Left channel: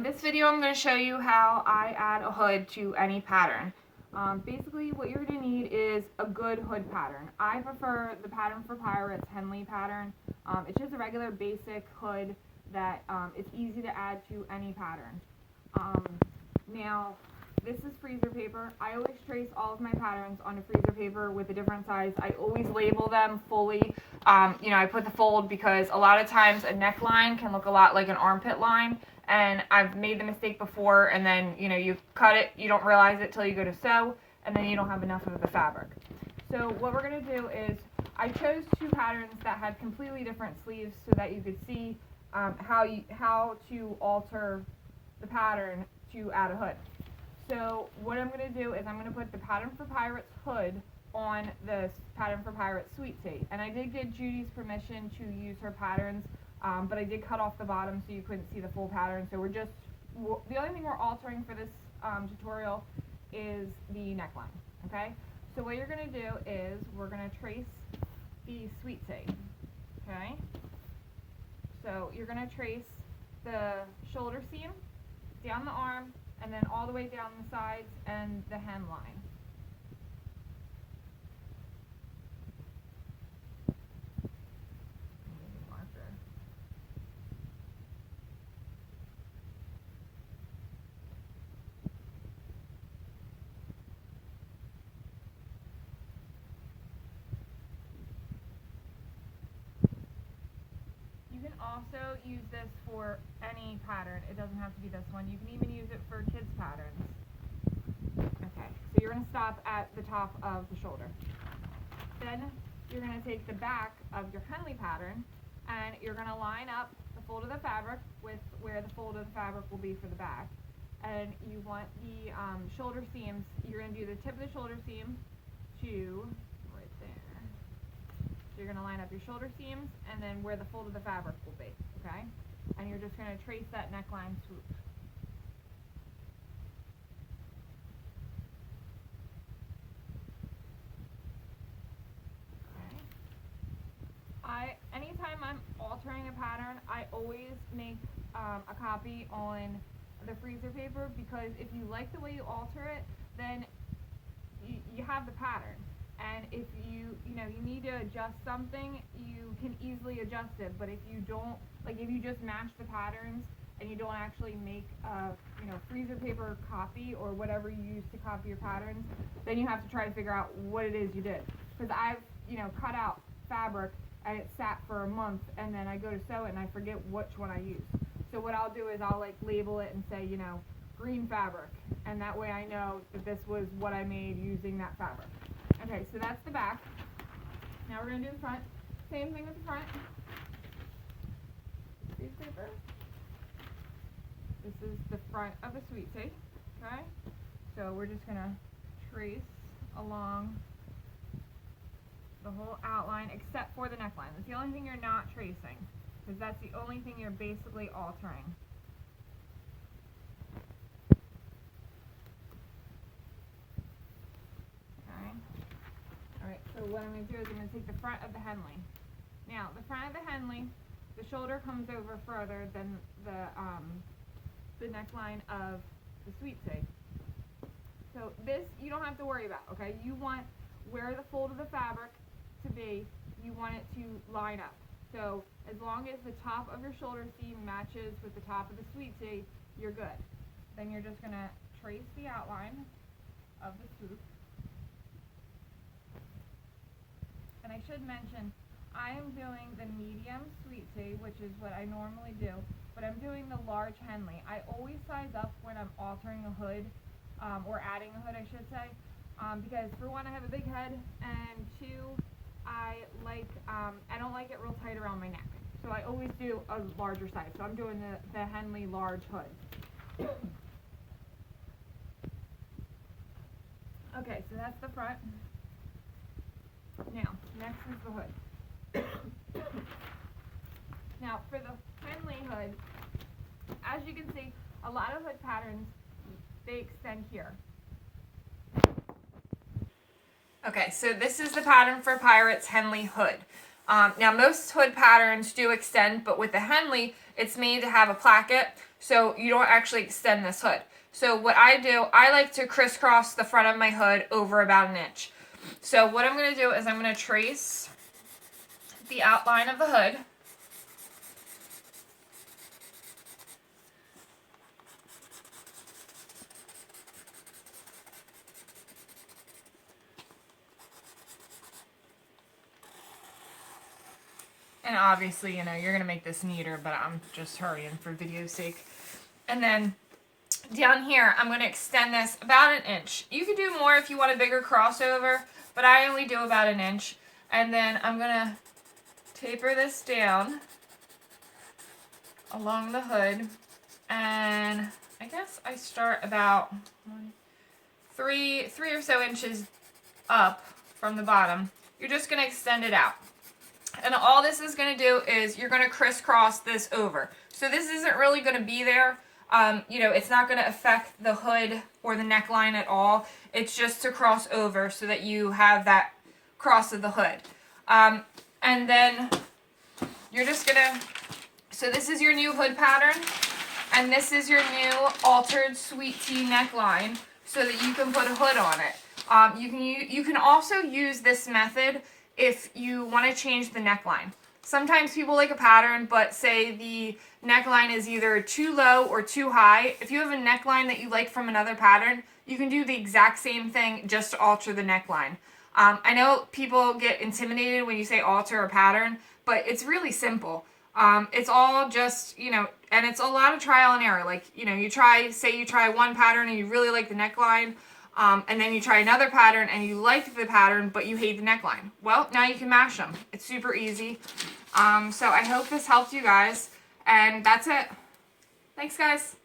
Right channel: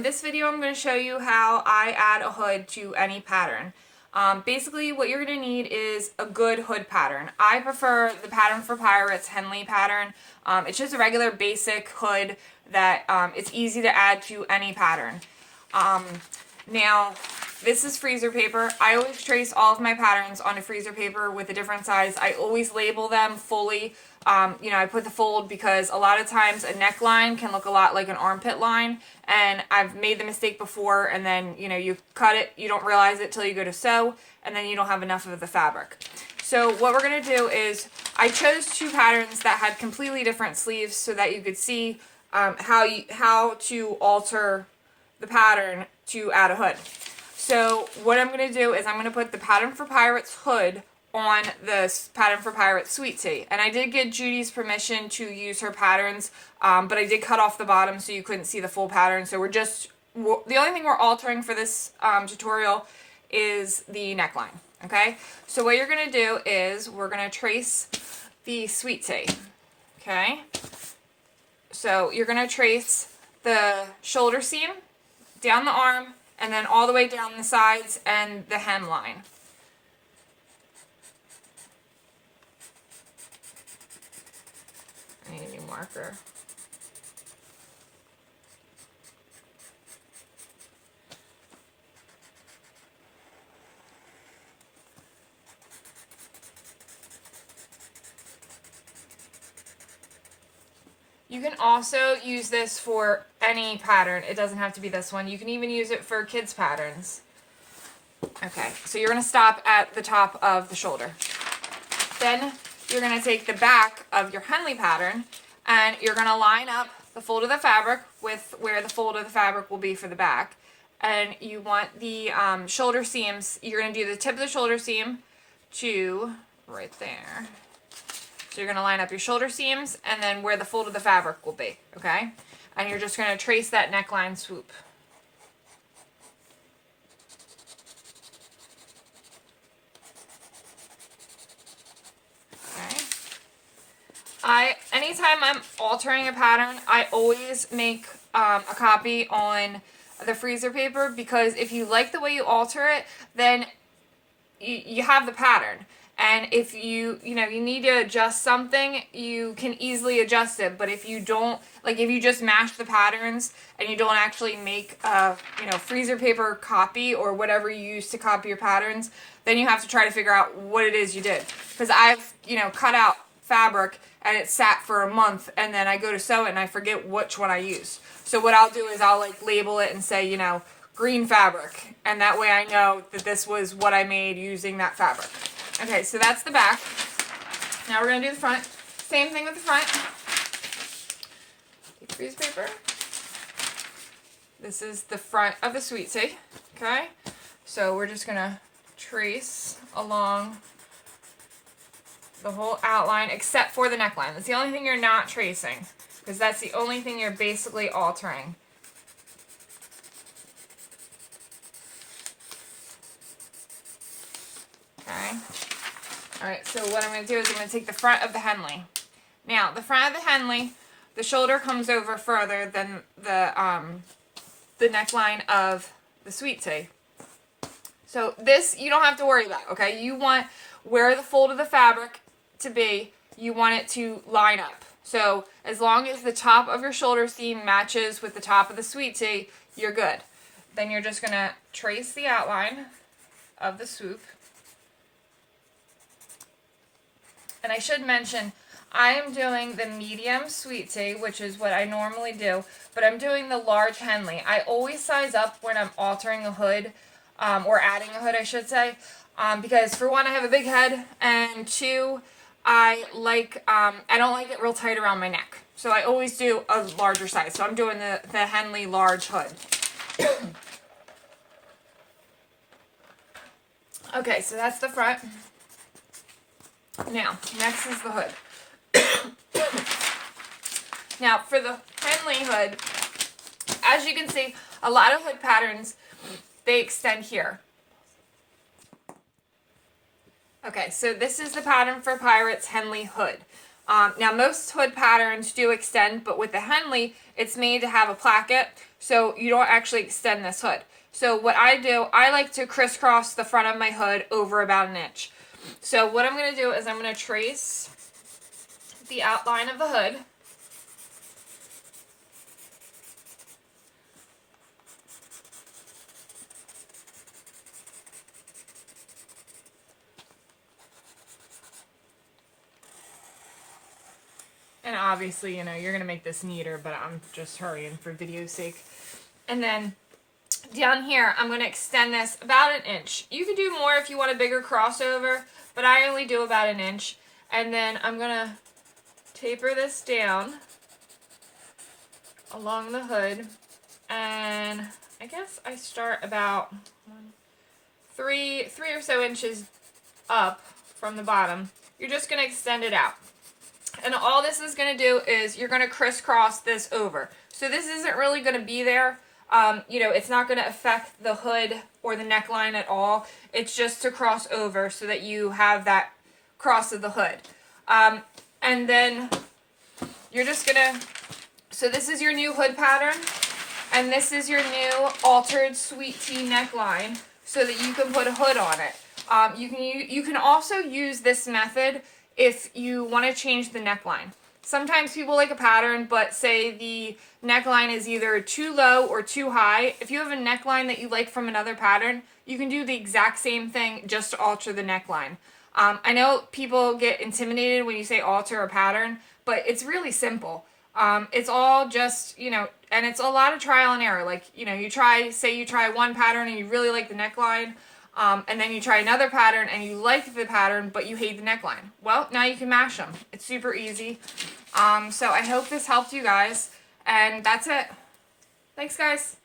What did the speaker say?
This video I'm going to show you how I add a hood to any pattern. Basically what you're going to need is a good hood pattern. I prefer the Pattern for Pirates Henley pattern. It's just a regular basic hood that it's easy to add to any pattern. Now this is freezer paper. I always trace all of my patterns on a freezer paper with a different size. I always label them fully. I put the fold because a lot of times a neckline can look a lot like an armpit line, and I've made the mistake before, and then you cut it, you don't realize it till you go to sew, and then you don't have enough of the fabric. So what we're going to do is I chose two patterns that had completely different sleeves so that you could see how to alter the pattern to add a hood. So what I'm going to do is I'm going to put the Pattern for Pirates hood on the Pattern for Pirates Sweet Tea. And I did get Judy's permission to use her patterns, but I did cut off the bottom so you couldn't see the full pattern. So the only thing we're altering for this tutorial is the neckline, okay? So what you're going to do is we're going to trace the Sweet Tea, okay? So you're going to trace the shoulder seam, down the arm, and then all the way down the sides and the hemline. I need a new marker. You can also use this for any pattern. It doesn't have to be this one. You can even use it for kids' patterns. Okay, so you're going to stop at the top of the shoulder. Then you're going to take the back of your Henley pattern and you're going to line up the fold of the fabric with where the fold of the fabric will be for the back. And you want the shoulder seams, you're going to do the tip of the shoulder seam to right there. So you're going to line up your shoulder seams and then where the fold of the fabric will be, okay? And you're just going to trace that neckline swoop. Okay. Anytime I'm altering a pattern, I always make a copy on the freezer paper, because if you like the way you alter it, then you have the pattern. And if you need to adjust something, you can easily adjust it. But if you don't, like if you just mash the patterns and you don't actually make a freezer paper copy or whatever you use to copy your patterns, then you have to try to figure out what it is you did. Because I've cut out fabric and it sat for a month, and then I go to sew it and I forget which one I used. So what I'll do is I'll label it and say green fabric, and that way I know that this was what I made using that fabric. Okay, so that's the back. Now we're going to do the front. Same thing with the front. Freeze paper. This is the front of the Sweet Tea. Okay, so we're just going to trace along the whole outline except for the neckline. That's the only thing you're not tracing, because that's the only thing you're basically altering. Okay. Alright, so what I'm going to do is I'm going to take the front of the Henley. Now, the front of the Henley, the shoulder comes over further than the neckline of the Sweet Tea. So this, you don't have to worry about, okay? You want where the fold of the fabric to be, you want it to line up. So as long as the top of your shoulder seam matches with the top of the Sweet Tea, you're good. Then you're just going to trace the outline of the swoop. And I should mention, I am doing the medium Sweet Tea, which is what I normally do, but I'm doing the large Henley. I always size up when I'm altering a hood, or adding a hood, I should say, because for one, I have a big head, and two, I don't like it real tight around my neck. So I always do a larger size. So I'm doing the Henley large hood. Okay, so that's the front. Now, next is the hood. Now, for the Henley hood, as you can see, a lot of hood patterns, they extend here. Okay, so this is the Pattern for Pirates Henley hood. Now, most hood patterns do extend, but with the Henley, it's made to have a placket, so you don't actually extend this hood. So what I do, I like to crisscross the front of my hood over about an inch. So what I'm going to do is I'm going to trace the outline of the hood. And obviously, you know, you're going to make this neater, but I'm just hurrying for video's sake. And then down here, I'm going to extend this about an inch. You can do more if you want a bigger crossover, but I only do about an inch. And then I'm going to taper this down along the hood. And I guess I start about three or so inches up from the bottom. You're just going to extend it out. And all this is going to do is you're going to crisscross this over. So this isn't really going to be there. You know, it's not going to affect the hood or the neckline at all. It's just to cross over so that you have that cross of the hood. And then you're just going to, so this is your new hood pattern. And this is your new altered sweet tea neckline so that you can put a hood on it. You can also use this method if you want to change the neckline. Sometimes people like a pattern, but say the neckline is either too low or too high. If you have a neckline that you like from another pattern, you can do the exact same thing just to alter the neckline. I know people get intimidated when you say alter a pattern, but it's really simple. It's all just, you know, and it's a lot of trial and error. Like, you know, you try one pattern and you really like the neckline, and then you try another pattern and you like the pattern, but you hate the neckline. Well, now you can mash them. It's super easy. So I hope this helped you guys, and that's it. Thanks, guys.